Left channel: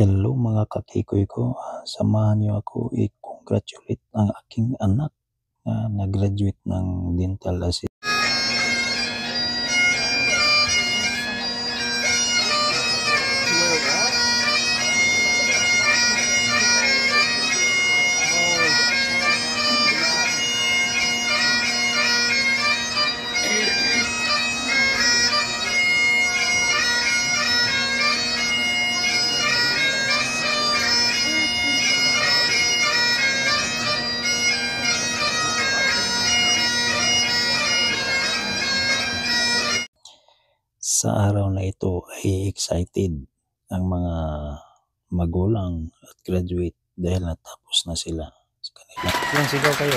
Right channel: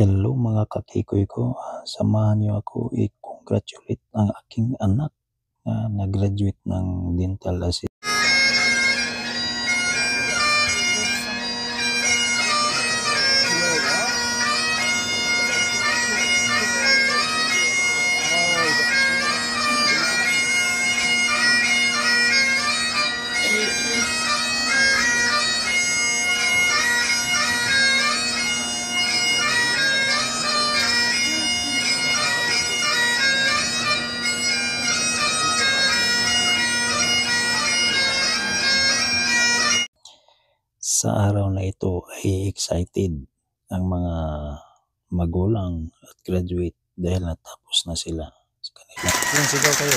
Hello mga kakikoy ko, samahan niyo ako i-congratulate ang aking anak na nag-graduate ng dental assistant. Sa araw na ito ay excited ang mga magulang at graduate dahil natapos na sila sa kanila. Yung sigaw kayo.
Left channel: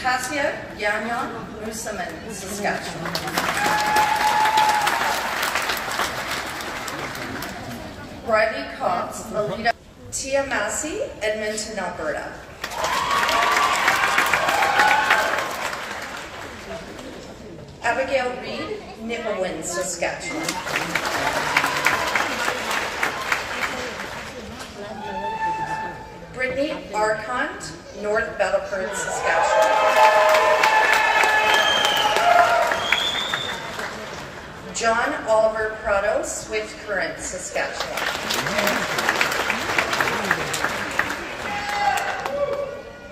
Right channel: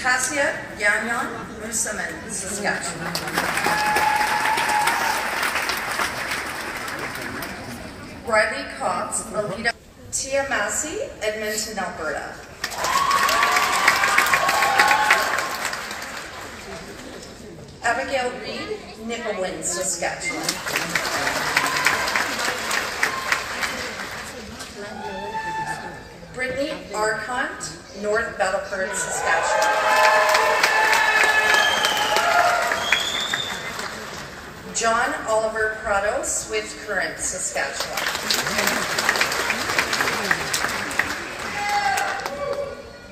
Kasia Yanyan Musaman, Saskatchewan. Bradley Cox, Alita. Tia Massey, Edmonton, Alberta. Abigail Reed, Nipawin, Saskatchewan. Brittany Arcont, North Battleford, Saskatchewan. John Oliver Prado, Swift Current, Saskatchewan.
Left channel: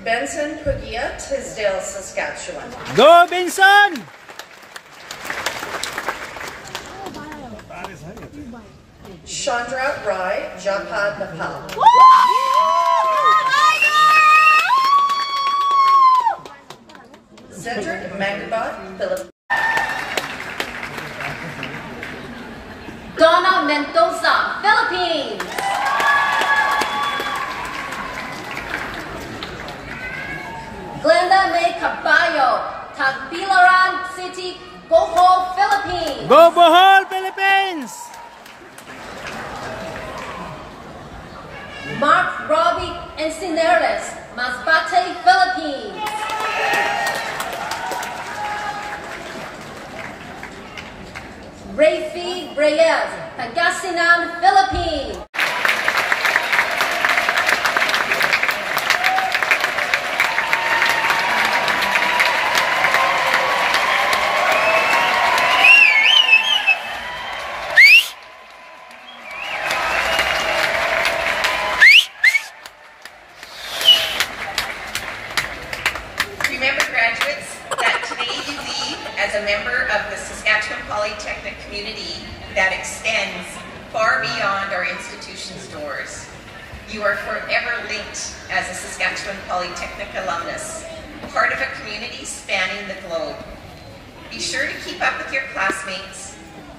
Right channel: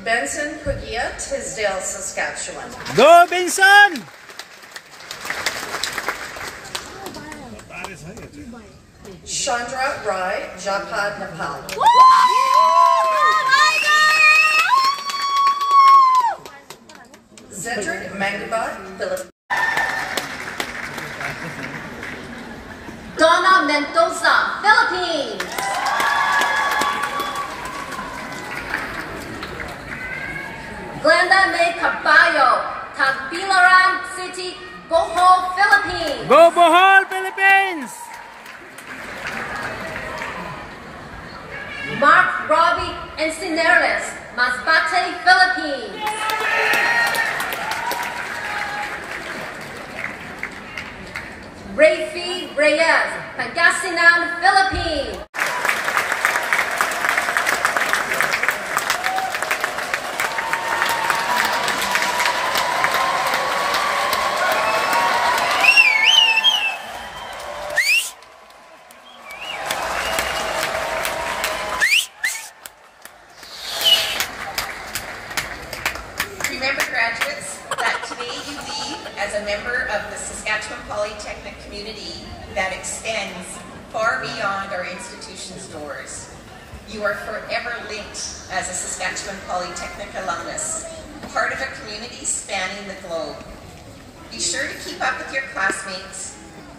Benson Pugia, Tisdale, Saskatchewan. Go, Benson! Chandra Rai, Japad, Nepal. Cedric Mangabat, Philippines. Donna Mendoza, Philippines. Glenda May Caballo, Tagbilaran City, Bohol, Philippines. Go, Bohol, Philippines! Mark Robbie Encineres, Masbate, Philippines. Rafi Reyes, Pangasinan, Philippines. Remember, graduates, that today you leave as a member of the Saskatchewan Polytechnic community that extends far beyond our institution's doors. You are forever linked as a Saskatchewan Polytechnic alumnus, part of a community spanning the globe. Be sure to keep up with your classmates,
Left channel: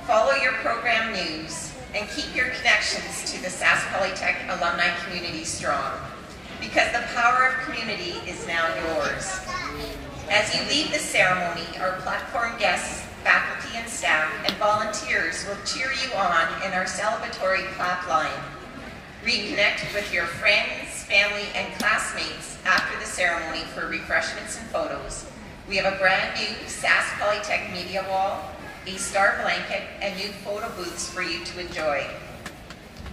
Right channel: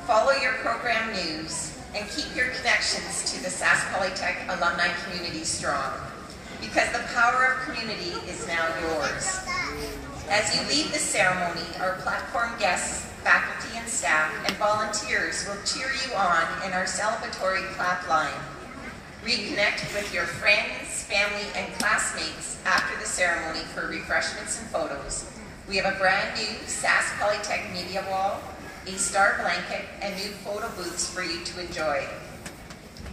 follow your program news, and keep your connections to the Sask Polytech alumni community strong, because the power of community is now yours. As you leave the ceremony, our platform guests, faculty and staff, and volunteers will cheer you on in our celebratory clap line. Reconnect with your friends, family, and classmates after the ceremony for refreshments and photos. We have a brand new Sask Polytech media wall, a star blanket, and new photo booths for you to enjoy.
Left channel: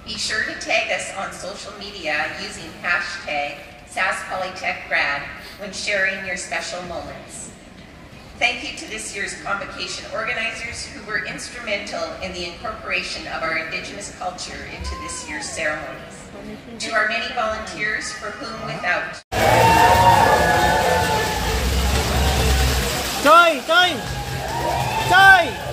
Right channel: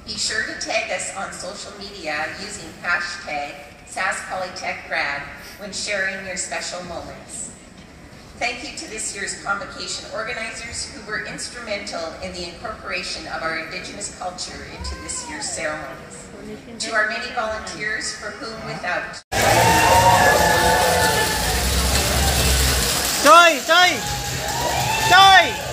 Be sure to tag us on social media using hashtag SaskPolytechGrad when sharing your special moments. Thank you to this year's convocation organizers who were instrumental in the incorporation of our Indigenous culture into this year's ceremonies. To our many volunteers for whom without. Toy! Toy! Toy!